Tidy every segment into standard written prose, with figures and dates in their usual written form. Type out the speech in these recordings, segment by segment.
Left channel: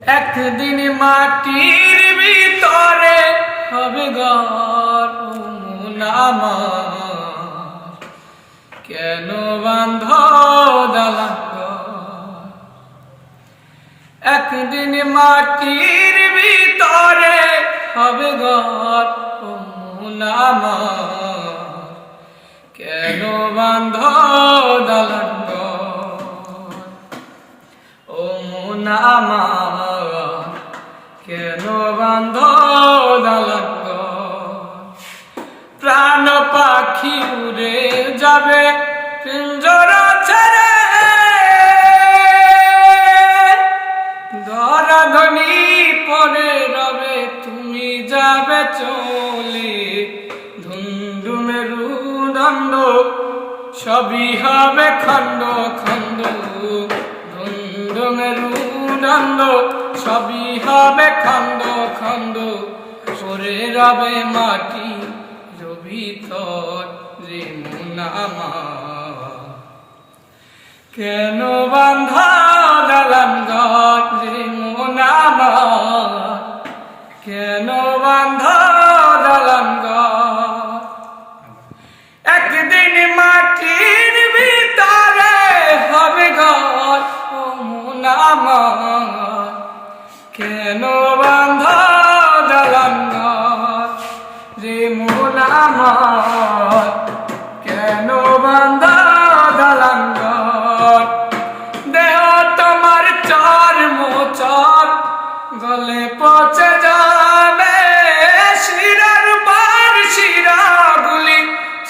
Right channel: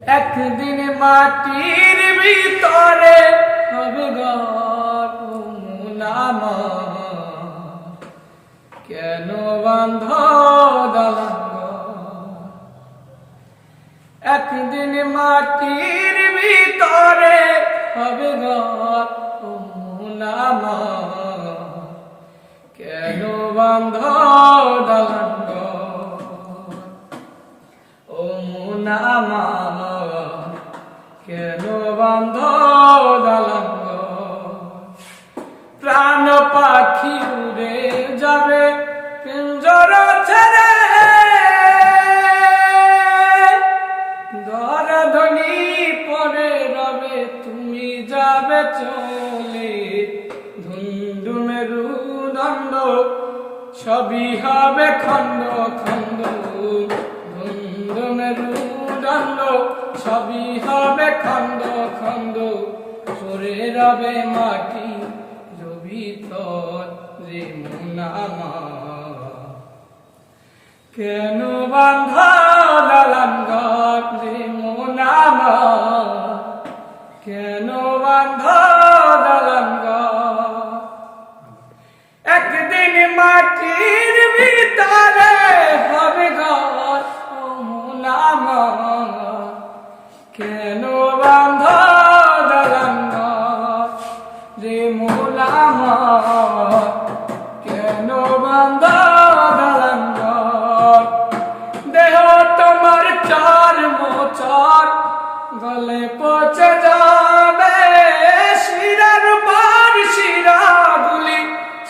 একদিন মাটির ভিতরে হবে ঘর, ও মন আমার কেন বাঁধ দালান ঘর। একদিন মাটির ভিতরে হবে ঘর, ও মন আমার কেন বাঁধ দালান ঘর। ও মন আমার কেন বাঁধ দালান ঘর। প্রাণ পাখি উড়ে যাবে পিঞ্জরা ছেড়ে, ধরাধনি পরে রবে তুমি যাবে চলে। ধুন্দু মেরুদণ্ড সবই হবে খণ্ড খণ্ড, ধুন্দু মেরুদণ্ড সবই হবে খণ্ড খণ্ড। পরে রবে মাটি ভিতর রে মন আমার কেন বাঁধ দালান ঘর, রে মন আমার কেন বাঁধ দালান ঘর। একদিন মাটির ভিতরে হবে ঘর, ও মন আমার কেন বাঁধ দালান ঘর। রে মন আমার কেন বাঁধ দালান ঘর। দেহ তোমার চার মোচর গলে পচে যাবে, শিরার পর শিরাগুলি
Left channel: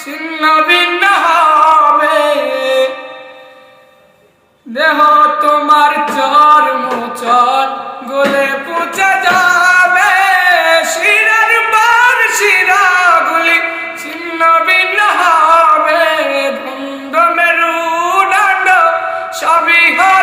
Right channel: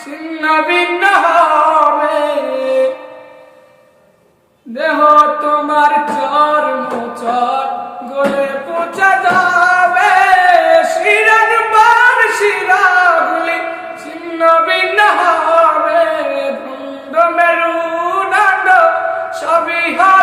ছিন্ন ভিন্ন হবে। দেহ তোমার চার মোচর গলে পচে যাবে, শিরার পর শিরাগুলি ছিন্ন ভিন্ন হবে। ধুন্দু মেরুদণ্ড সবই হবে